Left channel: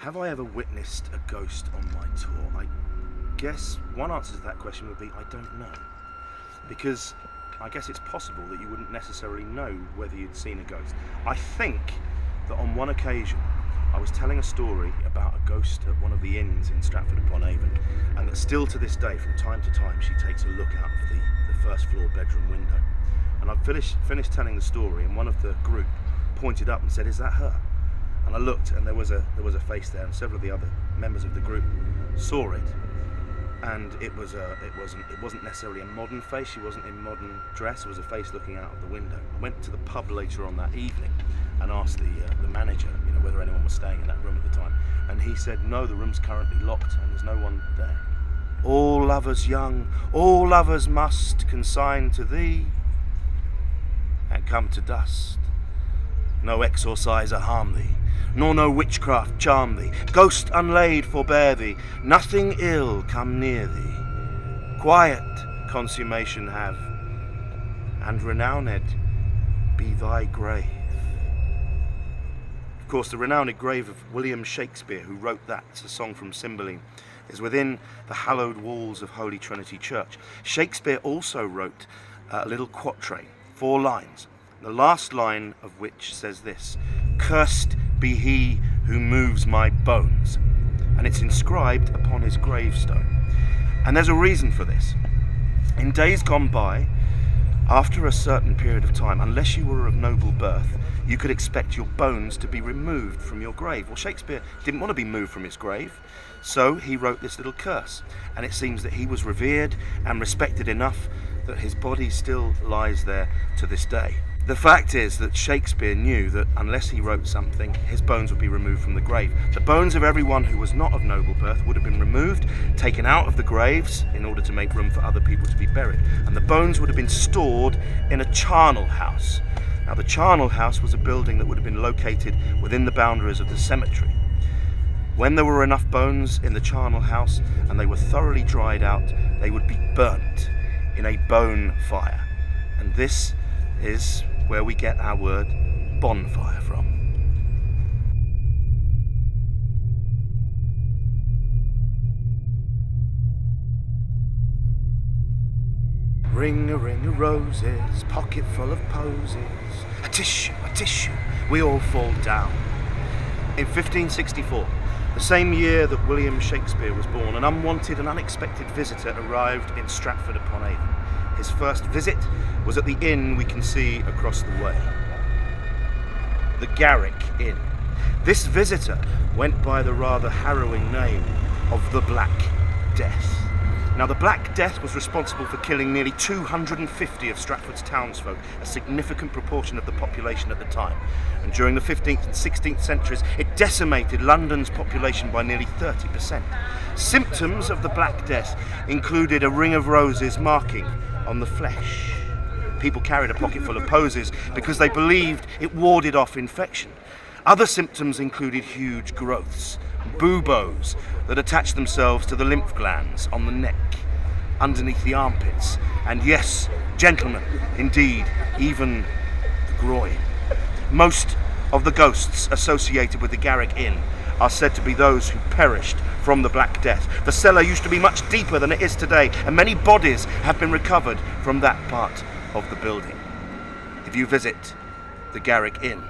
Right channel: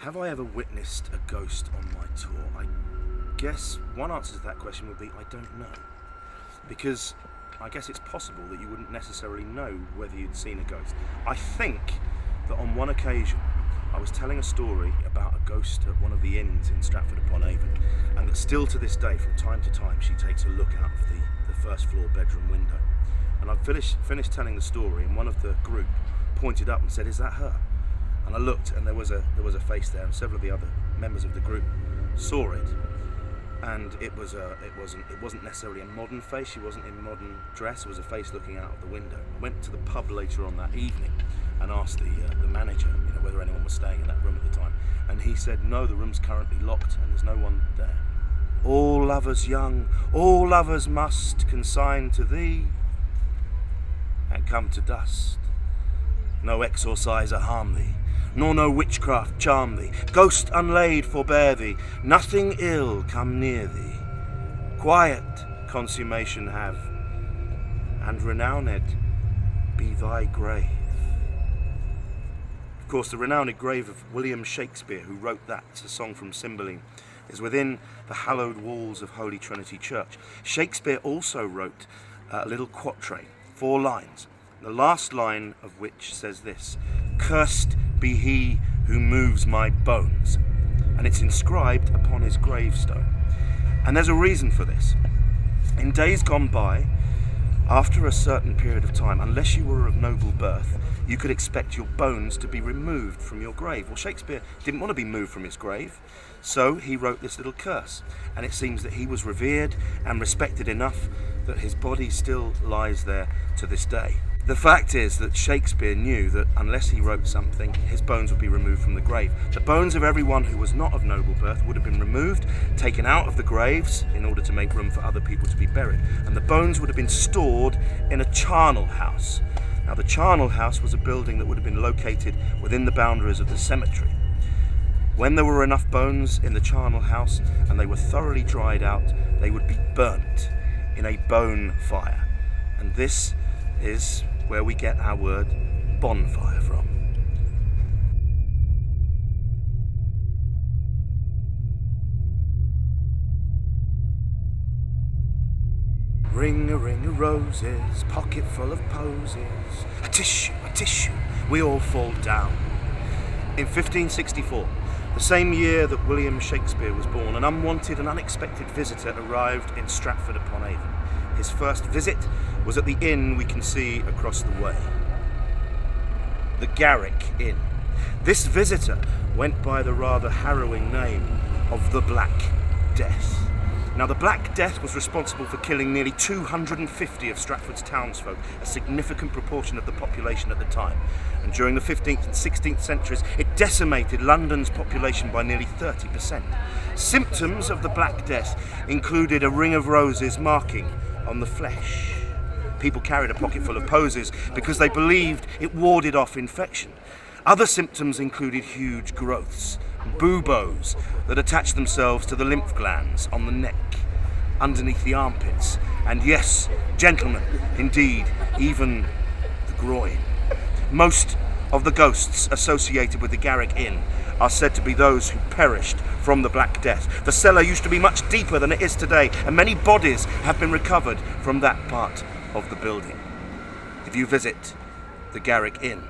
Have I ever witnessed a ghost on my tour? I guess one answer to that question would be I don't know. Because I guess it's possible that you wouldn't necessarily know whether you'd seen a ghost. I think that on one occasion I was telling a story about a ghost at one of the inns in Stratford-Upon-Avon, and that still to this day, from time to time, she takes a look out of the first floor bedroom window. And I finished telling the story, and one of the group pointed up and said, "Is that her?" And I looked, and there was a face there, and several of the other members of the group saw it. And it wasn't necessarily a modern face. She wasn't in modern dress. It was a face looking out of the window. I went to the pub later on that evening and asked the manager, whether anyone was staying in that room at the time. And he said, no, the room's currently locked and there's no one there. All lovers young, all lovers must consign to thee and come to dust. No exorciser harm thee, nor no witchcraft charm thee. Ghost unlaid forbear thee, nothing ill come near thee. Quiet consummation have, and renowned be thy grave. Of course, the renowned grave of William Shakespeare, who wrote that, it's a song from Cymbeline, is within the hallowed walls of Holy Trinity Church. Shakespeare also wrote a little quatrain, 4 lines, the last line of which says this: "Cursed be he who moves my bones," and it's inscribed upon his gravestone. And there's a reason for this. In days gone by, after a certain period of time, unless you were of noble birth, you could expect your bones to be removed from your grave. Well, Shakespeare didn't want to be moved from his grave, so he wrote this little curse. And it seems that he was revered and respected enough that his body still lies there to this day. The fact is that Shakespeare knew that unless he wrote something, his bones would be removed from the grave. The bones of everyone who was not of noble birth would have been removed, taken out of the graves in order to make room for other people to be buried. And the bones would have been stored in a charnel house. Now, the charnel house was a building that would have been located within the boundaries of the cemetery. When there were enough bones in the charnel house and they were thoroughly dried out, they would be burnt in a bone fire. And this is where we get our word bonfire from. Ring a roses, pocket full of posies, a tissue, we all fall down. In 1564, the same year that William Shakespeare was born, an unwanted and unexpected visitor arrived in Stratford-Upon-Avon. His first visit was at the inn we can see across the way, the Garrick Inn. This visitor went by the rather harrowing name of the Black Death. Now, the Black Death was responsible for killing nearly 250 of Stratford's townsfolk, a significant proportion of the population at the time. And during the 15th and 16th centuries, it decimated London's population by nearly 30%. Symptoms of the Black Death included a ring of roses marking on the flesh. People carried a pocket full of posies because they believed it warded off infection. Other symptoms included huge growths, buboes that attached themselves to the lymph glands on the neck, underneath the armpits, and yes, gentlemen, indeed, even the groin. Most of the ghosts associated with the Garrick Inn are said to be those who perished from the Black Death. The cellar used to be much deeper than it is today, and many bodies have been recovered from that part of the building. If you visit the Garrick Inn,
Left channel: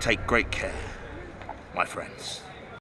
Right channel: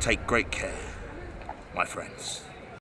take great care, my friends.